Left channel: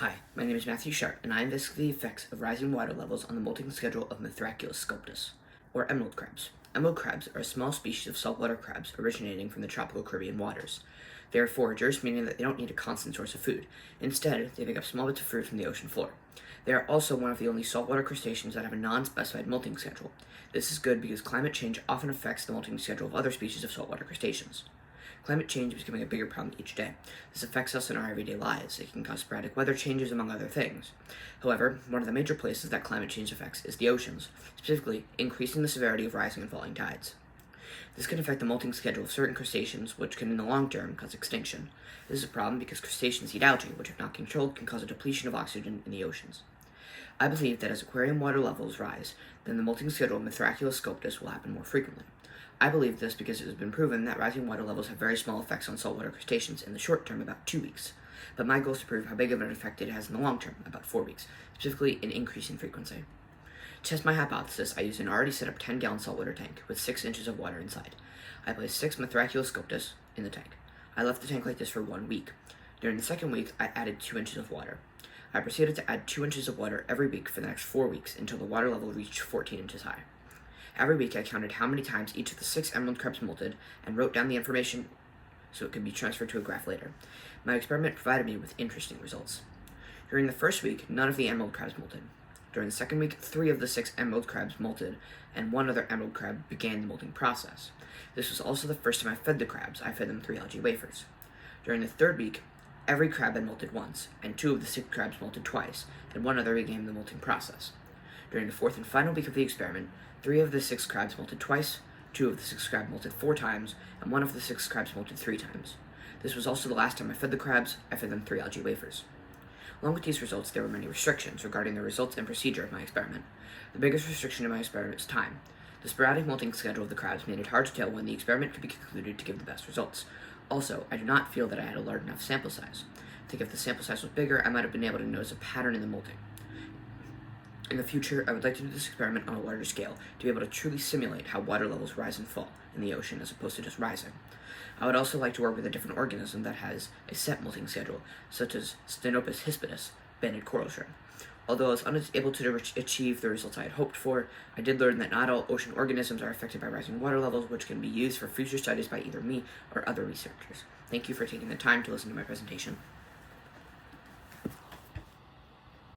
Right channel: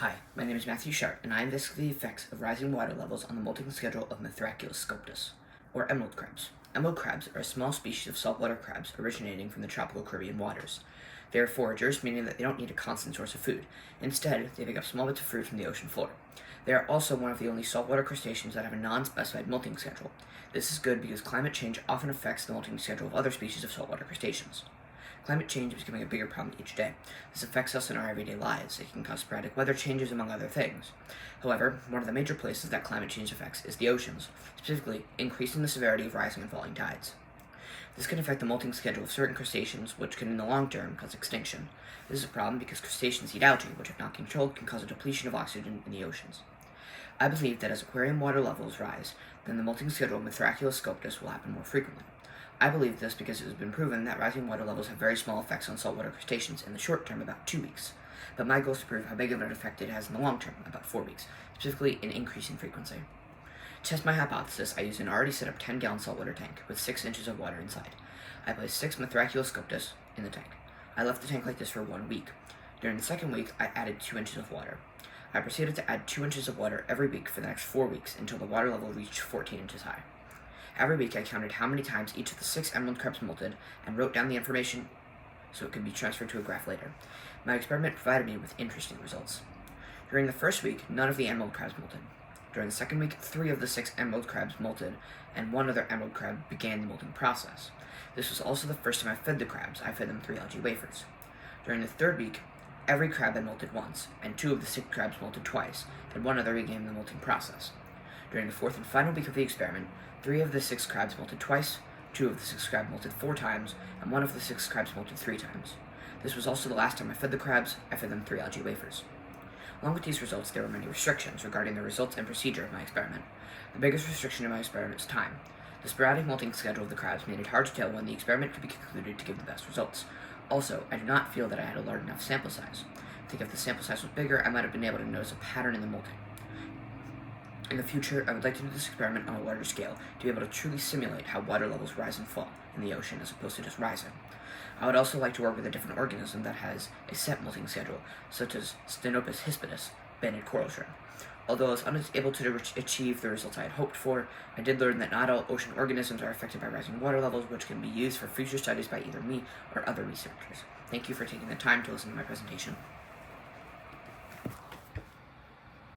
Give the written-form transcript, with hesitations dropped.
Hi, my name is Matthew Sharp, and I investigate the effects of rising water levels on the molting schedule of Mithraculus sculptus, or emerald crabs. Emerald crabs are a small species of saltwater crabs originating from the tropical Caribbean waters. They are foragers, meaning that they don't need a constant source of food. Instead, they pick up small bits of fruit from the ocean floor. They are also one of the only saltwater crustaceans that have a non-specified molting schedule. This is good because climate change often affects the molting schedule of other species of saltwater crustaceans. Climate change is becoming a bigger problem each day. This affects us in our everyday lives. It can cause sporadic weather changes, among other things. However, one of the major places that climate change affects is the oceans, specifically increasing the severity of rising and falling tides. This can affect the molting schedule of certain crustaceans, which can in the long term cause extinction. This is a problem because crustaceans eat algae, which if not controlled can cause a depletion of oxygen in the oceans. I believe that as aquarium water levels rise, then the molting schedule of Mithraculus sculptus will happen more frequently. I believe this because it has been proven that rising water levels have very small effects on saltwater crustaceans in the short term, about 2 weeks. But my goal is to prove how big of an effect it has in the long term, about 4 weeks, specifically in increasing frequency. To test my hypothesis, I used an already set up 10-gallon saltwater tank with 6 inches of water inside. I placed 6 Mithraculus sculptus in the tank. I left the tank like this for 1 week. During the second week, I added 2 inches of water. I proceeded to add 2 inches of water every week for the next 4 weeks until the water level reached 14 inches high. Every week I counted how many times each of the 6 emerald crabs molted and wrote down the information so it could be transferred to a graph later. My experiment provided me with interesting results. During the first week, none of the emerald crabs molted. During the second week, 3 of the 6 emerald crabs molted, and 1 other emerald crab began the molting process. This was also the first time I fed the crabs. I fed them 3 algae wafers. During the third week, every crab had molted once, and 2 of the 6 crabs molted twice, and 1 other began the molting process. During the fourth and final week of the experiment, 3 of the 6 crabs molted twice, 2 of the 6 crabs molted 4 times, and 1 of the 6 crabs molted 3 times. This was also the last time I fed the crabs. I fed them 3 algae wafers. Along with these results, there were many restrictions regarding the results and procedure of my experiment. The biggest restriction in my experiment was time. The sporadic molting schedule of the crabs made it hard to tell when the experiment could be concluded to give the best results. Also, I do not feel that I had a large enough sample size. I think if the sample size was bigger, I might have been able to notice a pattern in the molting. In the future, I would like to do this experiment on a larger scale to be able to truly simulate how water levels rise and fall in the ocean as opposed to just rising. I would also like to work with a different organism that has a set molting schedule, such as Stenopus hispidus, banded coral shrimp. Although I was unable to achieve the results I had hoped for, I did learn that not all ocean organisms are affected by rising water levels, which can be used for future studies by either me or other researchers. Thank you for taking the time to listen to my presentation.